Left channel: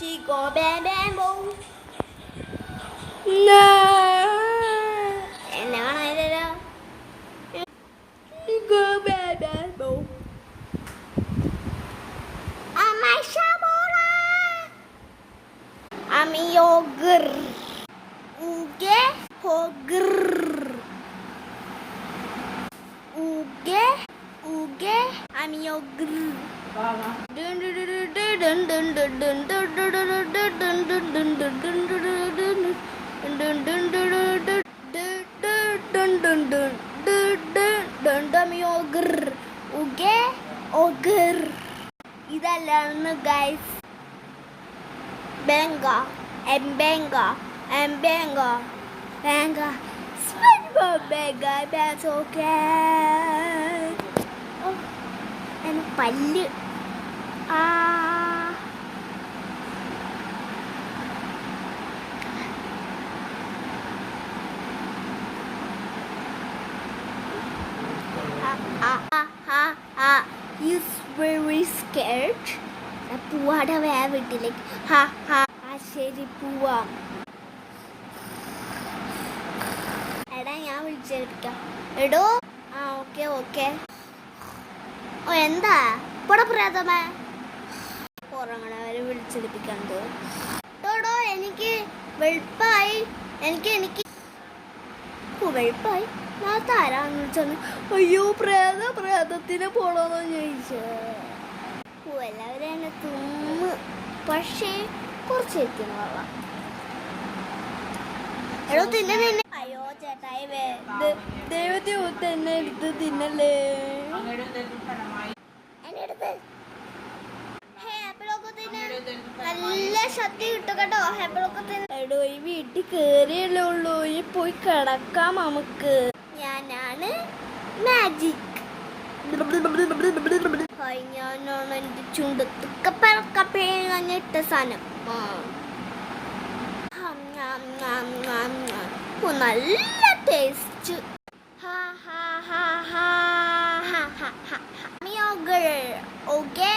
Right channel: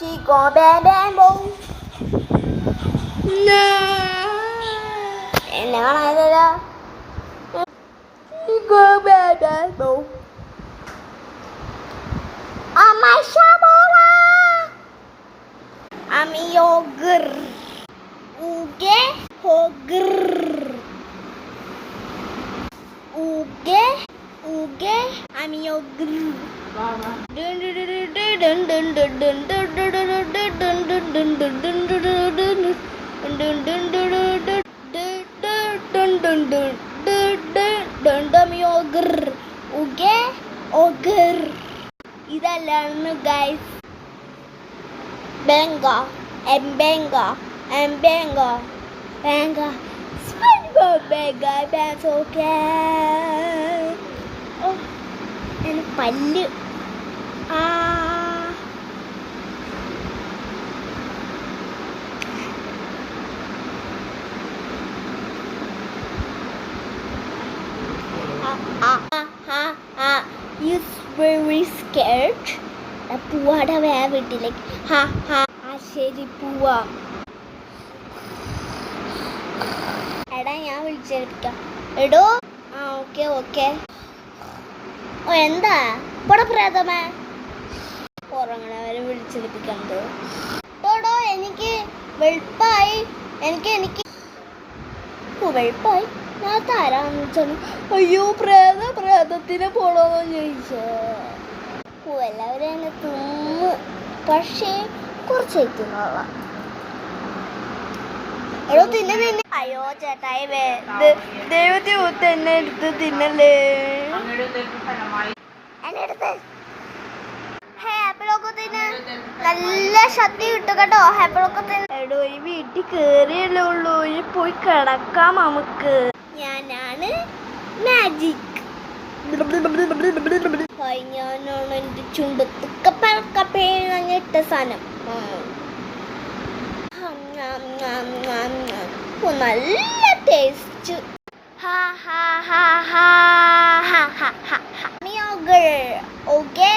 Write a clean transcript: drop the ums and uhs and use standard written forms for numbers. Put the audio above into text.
Chỉ có bé bé bông. No. Em lấy con này đây đâu. Chỉ có bé bé bông. My shabola. Yogurt. Uge hogr. Uge yogurt. Dun dun dun dun dun dun dun dun dun yogurt. Uge ogr. ഇതല്ലാണ് guys ബെങ്ക ബെങ്ക പല്ല് He's very scared. പൂവാടെ വേ വീട്ടിലേക്ക് ശരി പൂവാ. എടാ ഞാൻ വിളിച്ചെടുക്കാം. എടോ okay okay. എന്താ ഇവിടെ പ്രേതമേ ഉറങ്ങണവരെ വിളിച്ചെടുപ്പിക്കണ്ടോ? എടോ എനിക്ക് വെളുപ്പായി. എനിക്ക് വെളുപ്പായി. ഞാൻ തരാന്ന് വെച്ചാൽ അയ്യോ പ്രേതത്തിന് പോണോന്ന് ചോദിച്ചേ. എല്ലാവരും എന്നെ തിന്നു. പക്ഷേ കുറച്ച് തിന്നുള്ള എടോ തിന്നെ. അയ്യോ ചേട്ടായി ദൈവത്തെ ഒത്ത് എന്നെ എടുത്ത് തിന്നല്ലേ. എന്നെ എടുത്ത് ആപ്പിളൊക്കെ തിന്ന് നല്ല ശക്തി കിട്ടും കേട്ടോ. ആപ്പിളൊക്കെ തിന്ന്. എടോ ഈ വീട്ടിൽ കേറിയല്ലേ ഉള്ളൂ. ഈ പോയി കിടക്കാം നമുക്ക്. ഞാനാണ് മാജിക്. ഞാനാണ് എൻ്റെ ചുണ്ടത്ത് കപ്പേങ്ങിട്ട സാധനം. നല്ല ടേസ്റ്റ്. ഓക്കെ.